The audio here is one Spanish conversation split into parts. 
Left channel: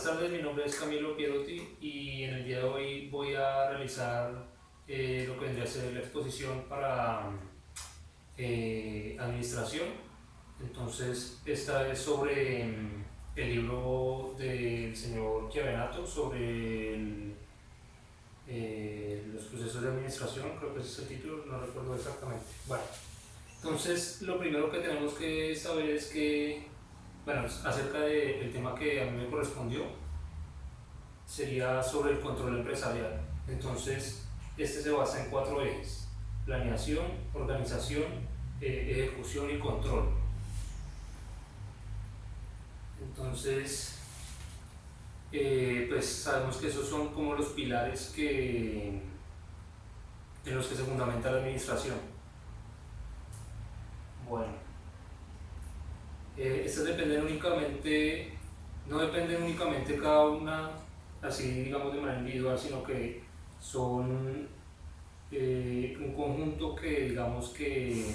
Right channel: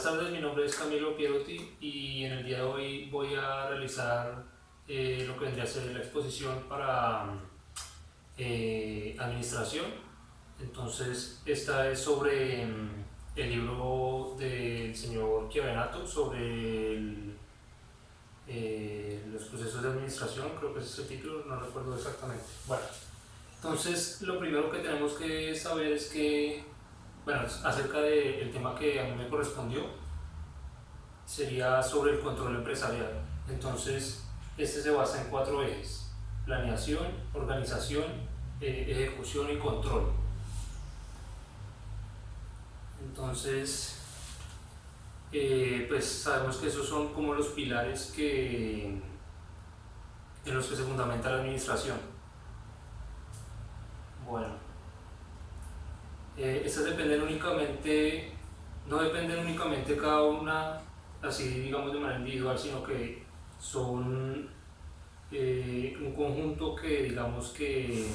Buenas tardes, mi nombre es Camilo Pierotti y en el día de hoy voy a realizar lo que vendría a ser la exposición para administración. Entonces, esta es sobre el libro del señor Chiavenato sobre los procesos de administración, creo que ese es el título, no recuerdo exactamente. Bueno, entonces lo primero que tenemos que saber es que, bueno, acerca del tema que a mí me correspondió, sería sobre el control empresarial. Entonces, este se basa en 4 ejes: planeación, organización, ejecución y control. Entonces, pues sabemos que esos son como los pilares en los que se fundamenta la administración. Bueno, estas no dependen únicamente cada una así digamos de manera individual, sino que son un conjunto que digamos que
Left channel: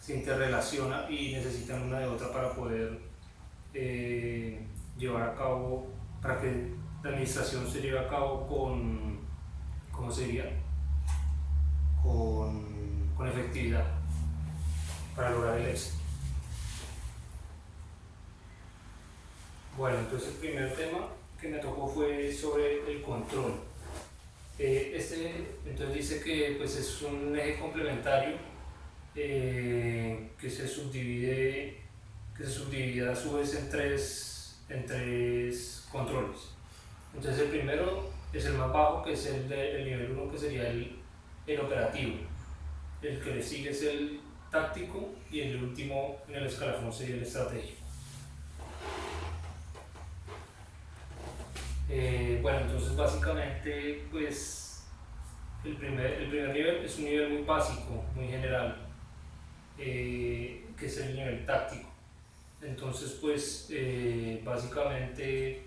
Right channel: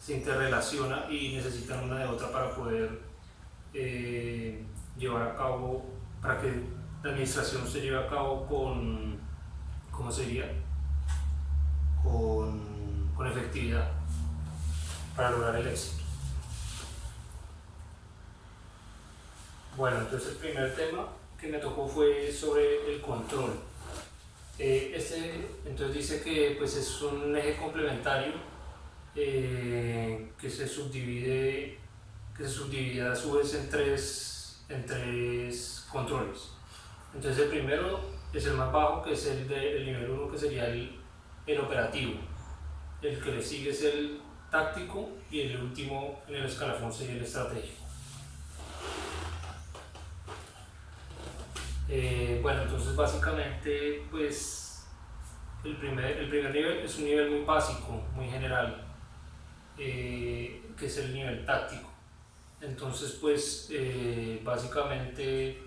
se interrelaciona y necesitan una de otra para poder llevar a cabo, para que la administración se lleve a cabo con, ¿cómo se diría? Con efectividad para lograr el éxito. Bueno, entonces el primer tema que me tocó fue sobre el control. Entonces dice que pues es un eje complementario que se subdivide a su vez en tres controles. Entonces el primero es el más bajo, que es el nivel 1, que sería el operativo. El que le sigue es el táctico y el último en el escalafón sería el estratégico. Bueno, entonces básicamente pues el primer nivel es un nivel muy básico, muy general, que es el nivel táctico. Entonces pues básicamente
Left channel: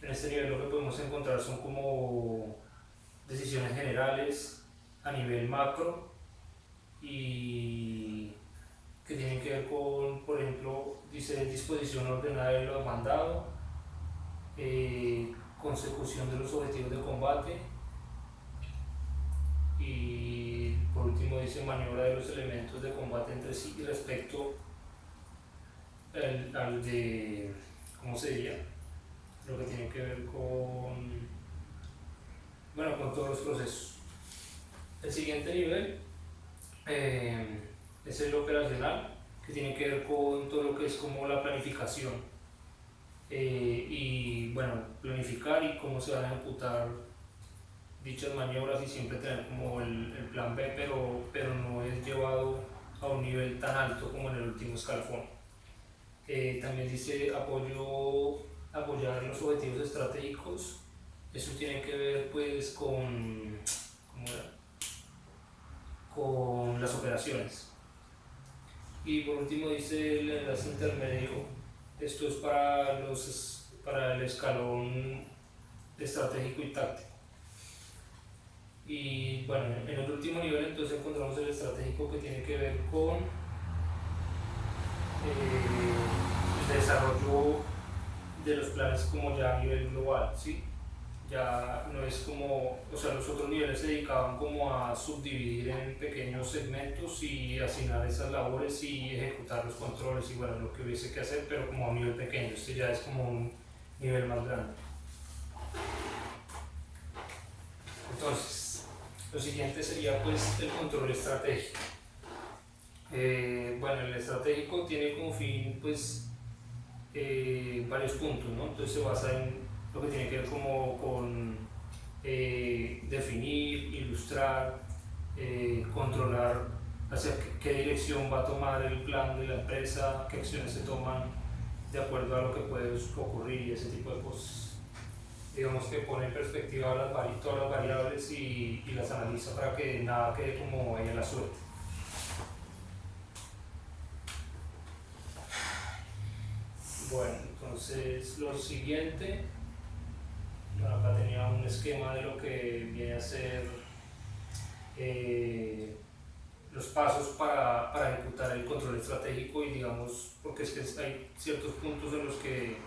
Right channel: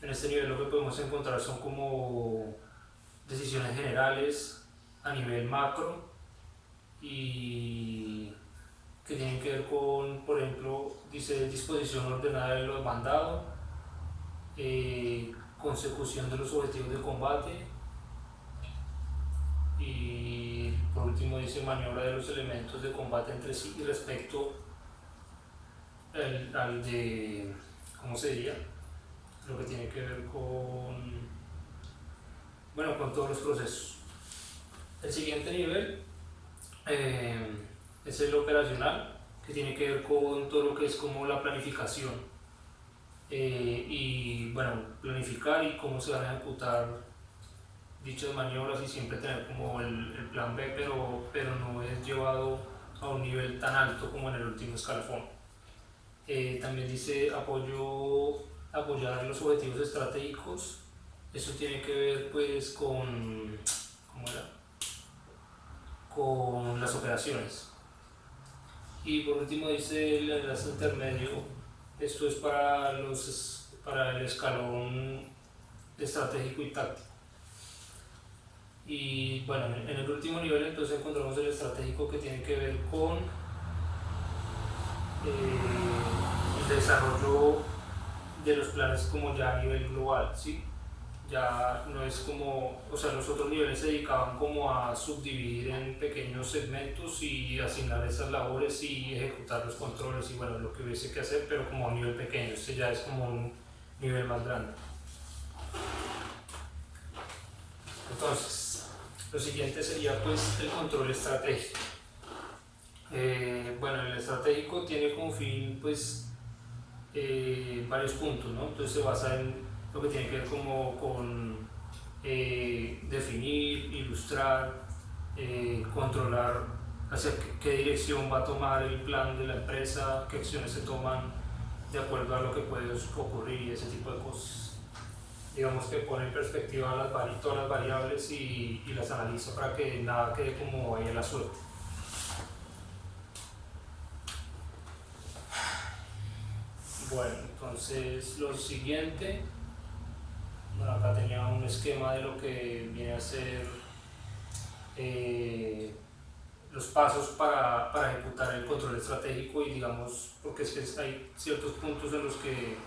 en este nivel lo que podemos encontrar son como decisiones generales a nivel macro y que tienen que ver con, por ejemplo, dice disposición ordenada de lo demandado, consecución de los objetivos de combate y por último dice maniobra de los elementos de combate entre sí y respecto al de, ¿cómo se diría? Lo que tiene que ver con todos los procesos. El siguiente nivel es el operacional, que tiene que ver con todo lo que es como la planificación y bueno, planificar y cómo se van a ejecutar dichas maniobras y siempre tener como el plan B, pero no es llevado a un nivel tan alto como en el último escalafón. También dice apoyar los objetivos estratégicos. Eso tiene que ver pues ¿cómo era? Con las operaciones. Y por último dice el enlace intermedio. Esto es para el escalón estratégico y táctico. Y bueno, en el último nivel entonces encontramos el estratégico, que tiene que ver con el desarrollo de los planes como ya a nivel global, ¿sí? Ya no es como, o sea, los otros niveles se dedicaban como a subdividir en pequeños segmentos y asignar esas labores y ejecutar los controles y bueno, lo que hubiese que hacer, pero como a un nivel pequeño. Este ya es como un nivel más grande. Entonces, lo siguiente sería pues el control estratégico. Bueno, el estratégico tiene como fin pues varios puntos, ¿no? Entonces se basa en lo que tiene que ver como con definir, ilustrar, controlar hacia qué dirección va a tomar el plan de la empresa, qué acciones se toman de acuerdo a lo que puede ocurrir y ese tipo de cosas. Digamos que pone en perspectiva todas las variables y las analiza para que nada quede como en la suerte. Bueno, entonces lo siguiente, acá tenía un esquema de lo que viene a ser los pasos para ejecutar el control estratégico y digamos, porque es que hay ciertos puntos en los que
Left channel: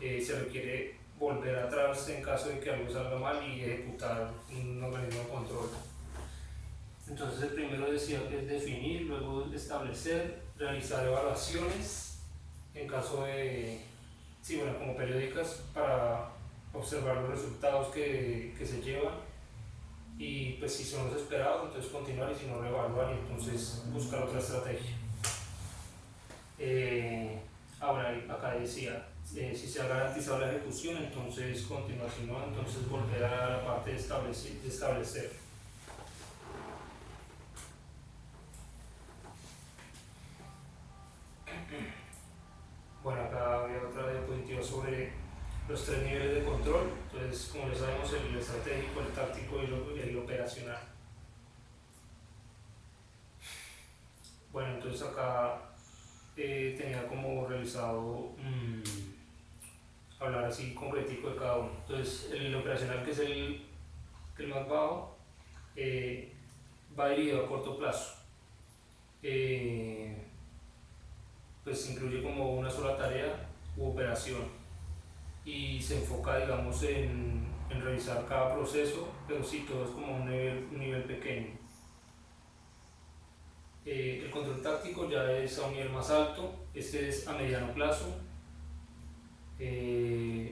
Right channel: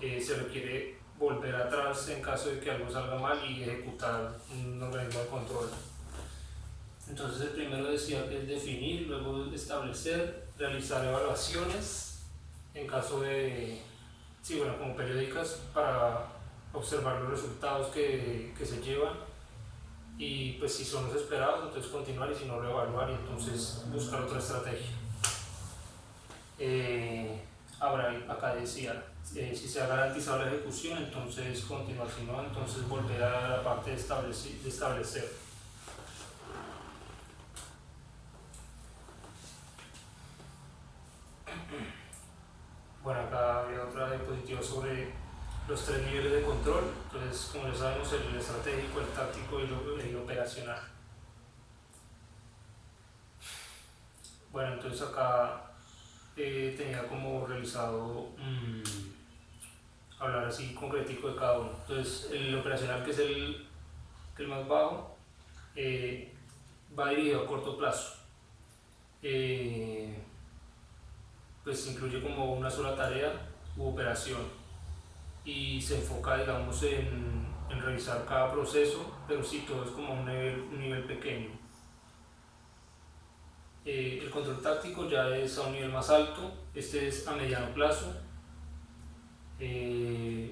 se requiere volver atrás en caso de que algo salga mal y ejecutar un organismo de control. Entonces el primero decía que es definir, luego establecer, realizar evaluaciones en caso de, sí, bueno, como periódicas para observar los resultados que se llevan y pues si son los esperados, entonces continuar y si no reevaluar y entonces buscar otra estrategia. Ahora acá decía, si se ha garantizado la ejecución, entonces continuar, si no, entonces volver a la parte de establecer. Bueno, acá había otra diapositiva sobre los 3 niveles de control. Entonces, como ya sabemos, el estratégico, el táctico y el operacional. Bueno, entonces acá tenía como realizado hablar así concretico de cada uno. Entonces, el operacional, que es el más bajo, va dirigido a corto plazo. Pues incluye como una sola tarea u operación y se enfoca, digamos, en revisar cada proceso, pero sí, todo es como un nivel pequeño. El control táctico ya es a un nivel más alto, este es a mediano plazo.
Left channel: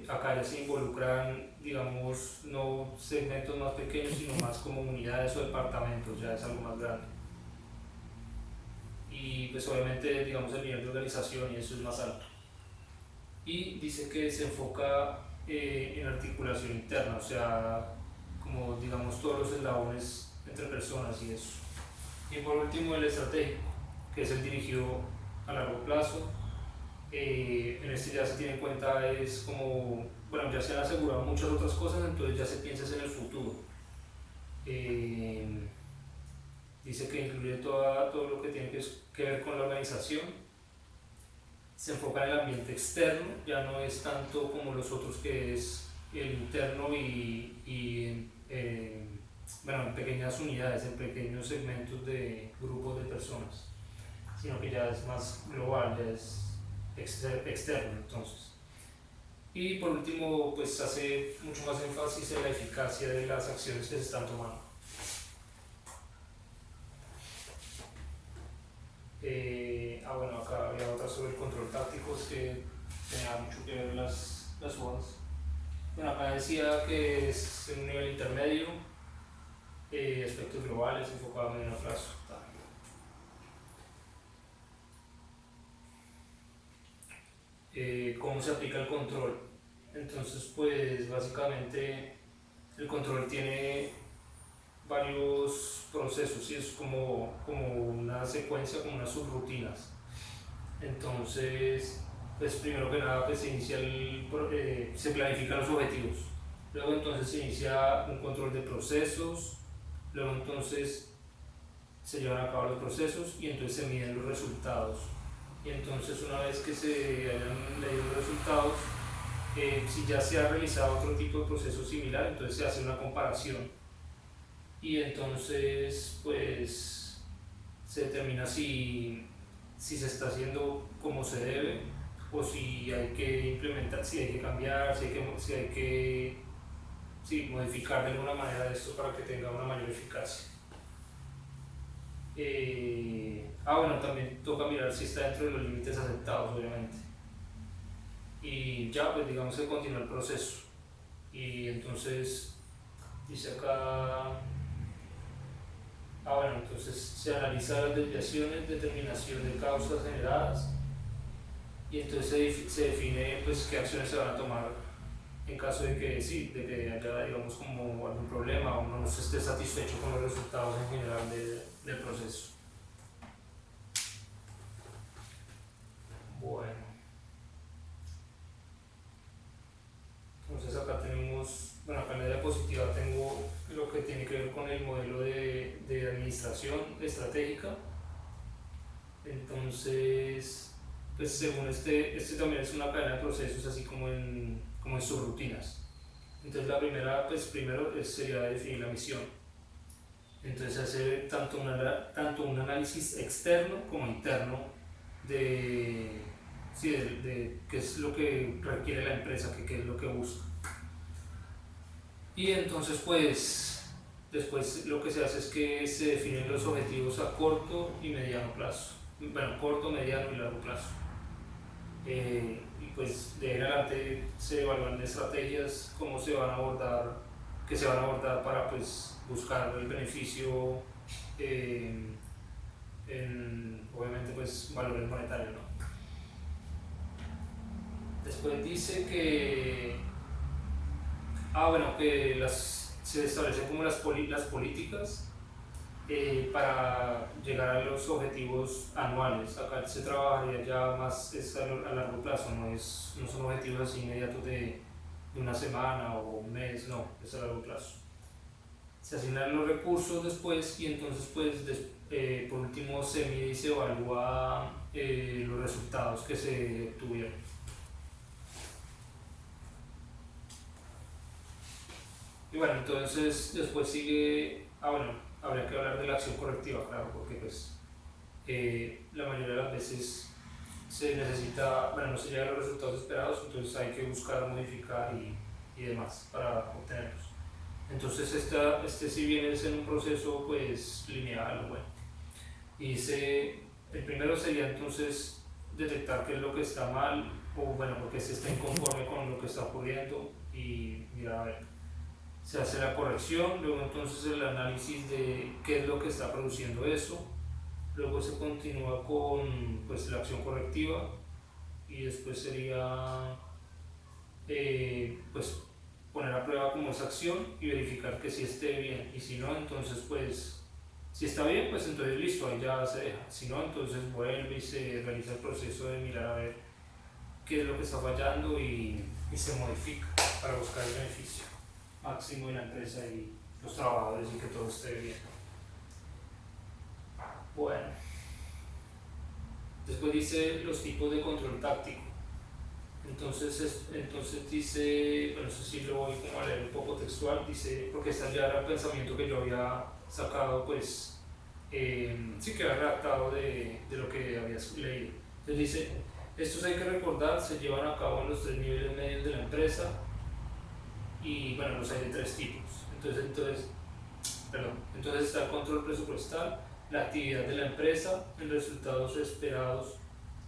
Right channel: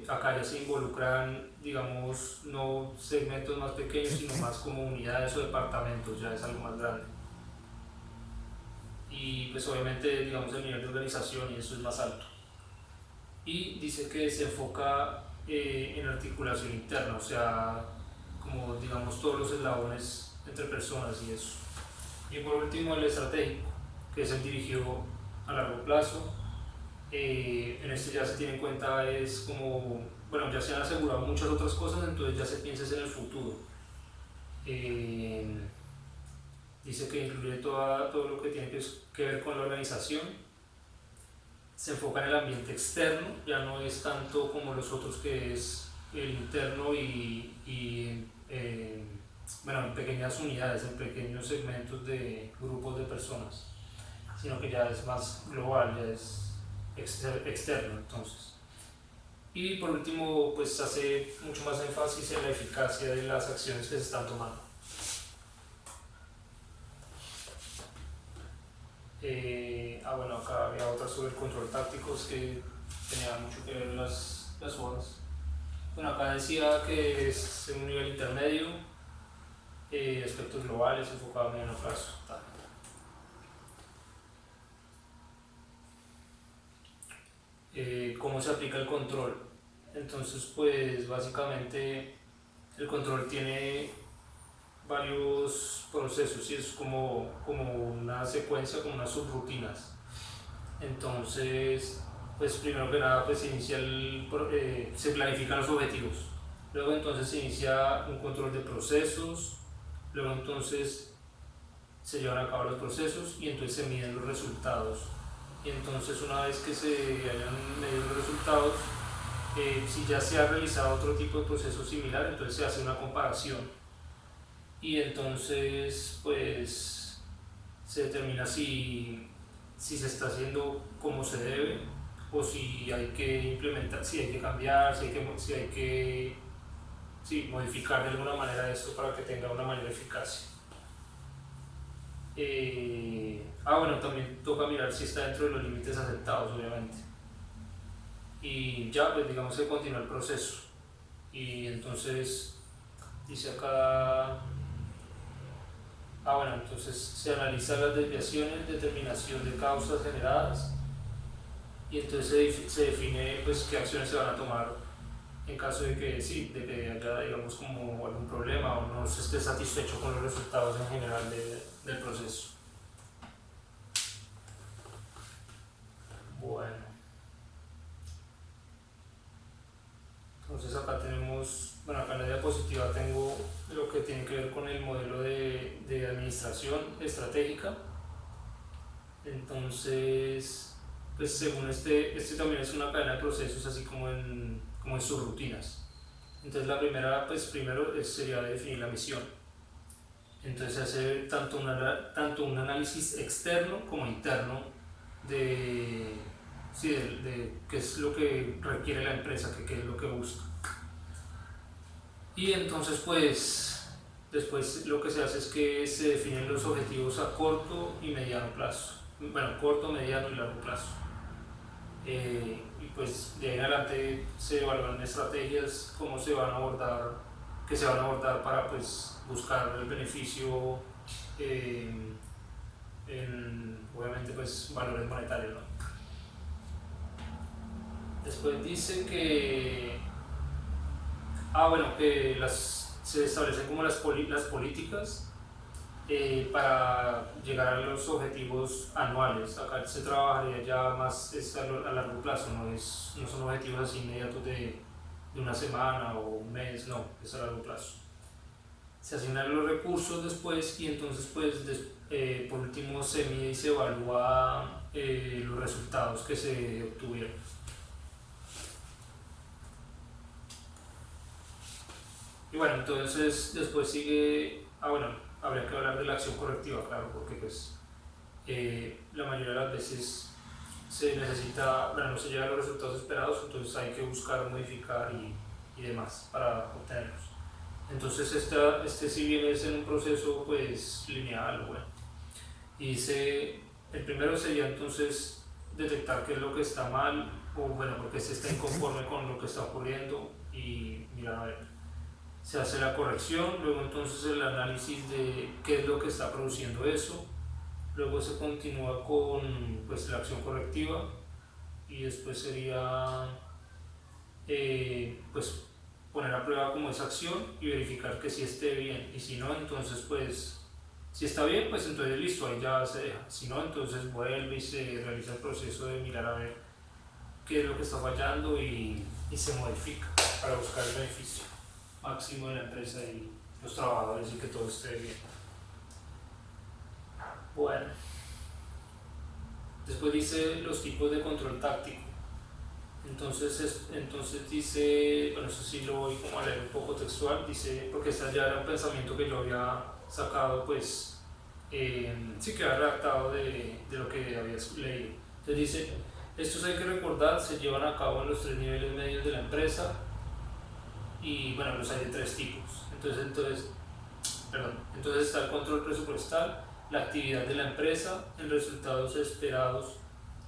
Acá ya se involucran, digamos, no segmentos más pequeños, sino más como unidades o departamentos, ya es algo más grande. Y pues obviamente, digamos, el nivel de organización y eso es más alto. Y dice que se enfoca en articulación interna, o sea, como digamos todos los eslabones entre personas y eso. Y por último el estratégico, que es el dirigido a largo plazo. En este ya se tiene en cuenta, es como, bueno, ya se han asegurado muchas otras cosas, entonces ya se piensa en el futuro. Dice que incluye todo lo que tiene que ver con la organización. Se enfoca en el ambiente externo, ya no es tanto como los otros, que es el interno bueno, en pequeñas unidades, en pequeños segmentos de grupos de personas, sino que ya es más global, ya es externo entonces. Y por último, pues hace mucho más énfasis en la eficacia de las acciones que se están tomando. Bueno, acá había otra sobre el control táctico, es que tenía mucho que ver las hojas. Bueno, acá decía que es un nivel intermedio, aspectos globales, enfocado a mediano plazo. ¿Cómo se aplica el control? Entonces, pues básicamente el control tiene varios procesos y es como una secuencia, como unas subrutinas. Entonces, pues primero que nada, pues se planifican los objetivos. Luego entonces se inicia un control de procesos. Luego entonces se llevan a cabo los procesos y entonces se miden los resultados. Y entonces una vez que se hayan medido los resultados, si ya se ha realizado otro tipo de proceso similar, entonces se hace una comparación. Y entonces pues se determina si se está haciendo como se debe o si hay que implementar, si hay que cambiar, si hay que modificar de alguna manera esto para que tenga una mayor eficacia. Bueno, también toca mirar si está dentro de los límites aceptados, obviamente. Y ya, pues digamos que continúa el proceso. Y entonces, dice acá, bueno, entonces se analizan las desviaciones, determinación de causas generadas, y entonces se define pues qué acciones se van a tomar en caso de que sí, de que haya, digamos, como algún problema o no se esté satisfecho con los resultados en general del proceso. Bueno, entonces acá tenemos, bueno, acá en la diapositiva tengo lo que tiene que ver con el modelo de administración estratégica. Entonces, pues según este también es una cadena de procesos, así como en subrutinas. Entonces la primera, pues primero sería definir la misión. Entonces hacer tanto un análisis externo como interno de sí, de qué es lo que requiere la empresa, qué es lo que busca. Y entonces pues después lo que se hace es que se definen los objetivos a corto y mediano plazo. Bueno, corto, mediano y largo plazo. Y pues de ahí en adelante se evalúan estrategias, cómo se van a abordar, que se van a abordar para pues buscar el beneficio en obviamente pues valores monetarios, ¿no? Después dice que bueno, que se establecen como las políticas para llegar a los objetivos anuales. Acá se trabajaría ya más a largo plazo, no son objetivos así inmediatos de una semana o un mes, no, es a largo plazo. Se asignan los recursos después y entonces pues por último se mide y se evalúa los resultados que se obtuvieron. Y bueno, entonces después sigue, bueno, habría que hablar de la acción correctiva, claro, porque pues la mayoría de las veces se necesita, bueno, no se llegan a los resultados esperados, entonces hay que buscar modificar y demás para obtenerlos. Entonces si bien es en un proceso pues lineal, bueno, y el primero sería entonces detectar qué es lo que está mal, o bueno, porque se está inconforme con lo que está ocurriendo y mirar a ver. Se hace la corrección, luego entonces el análisis de qué es lo que está produciendo eso, luego se continúa con pues, la acción correctiva y después sería pues poner a prueba como esa acción y verificar que sí esté bien, y si no, entonces pues si está bien, pues entonces listo, ahí ya se deja, si no, entonces vuelve y se realiza el proceso de mirar a ver qué es lo que está fallando y se modifica para buscar el beneficio máximo de la empresa y los trabajadores y que todo esté bien. Bueno, después dice los tipos de control táctico. Entonces dice, bueno, eso sí lo voy como a leer un poco textual, dice, porque este ya era un pensamiento que yo había sacado, pues, sí que había redactado de lo que había leído. Entonces dice, estos hay que recordar, se llevan a cabo en los 3 niveles medios de la empresa, y bueno, los hay de 3 tipos. Entonces está el control presupuestal, la actividad de la empresa, en resultados esperados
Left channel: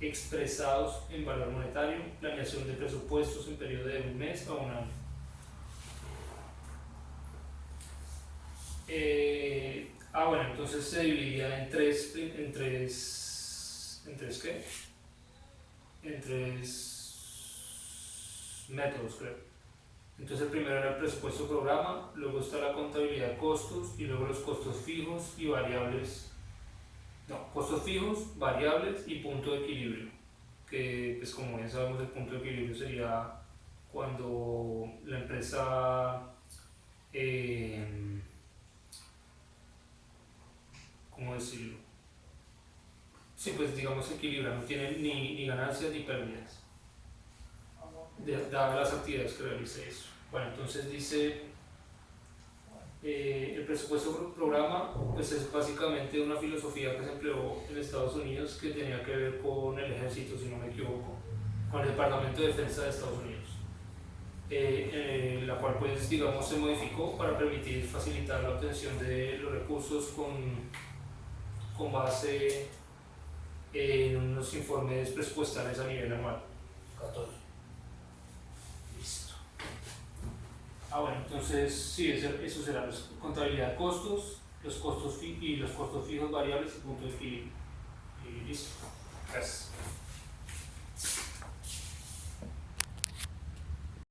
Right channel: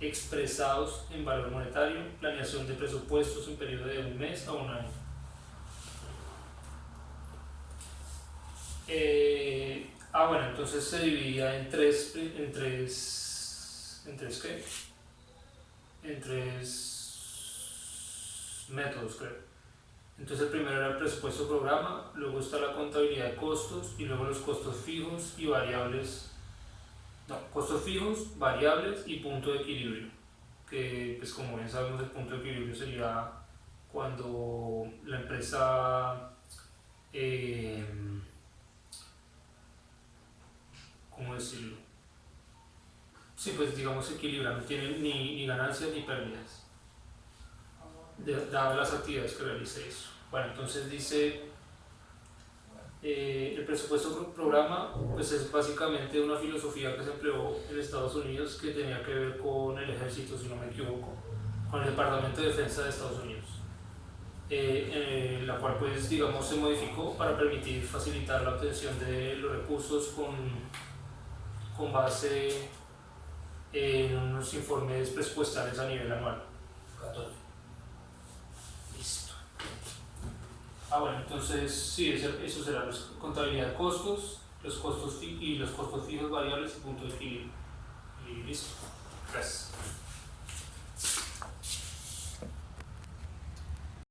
expresados en valor monetario, planeación de presupuestos en periodo de un mes a un año. Bueno, entonces se dividía en tres métodos, creo. Entonces el primero era el presupuesto programa, luego está la contabilidad de costos y luego los costos fijos y variables, costos fijos, variables y punto de equilibrio, que pues como bien sabemos el punto de equilibrio sería cuando la empresa, ¿cómo decirlo? Sí, pues digamos equilibra, no tiene ni ganancias ni pérdidas, dadas las actividades que realice eso. Bueno, entonces dice, el presupuesto programa pues es básicamente una filosofía que se empleó en Estados Unidos, que tenía que ver con el ejército, si no me equivoco, con el Departamento de Defensa de Estados Unidos, la cual pues digamos se modificó para permitir facilitar la obtención de los recursos con base en unos informes presupuestales a nivel anual. 14. Listo. Bueno, entonces sí, eso será la contabilidad de costos, los costos fijos, variables y punto de equilibrio. Y listo.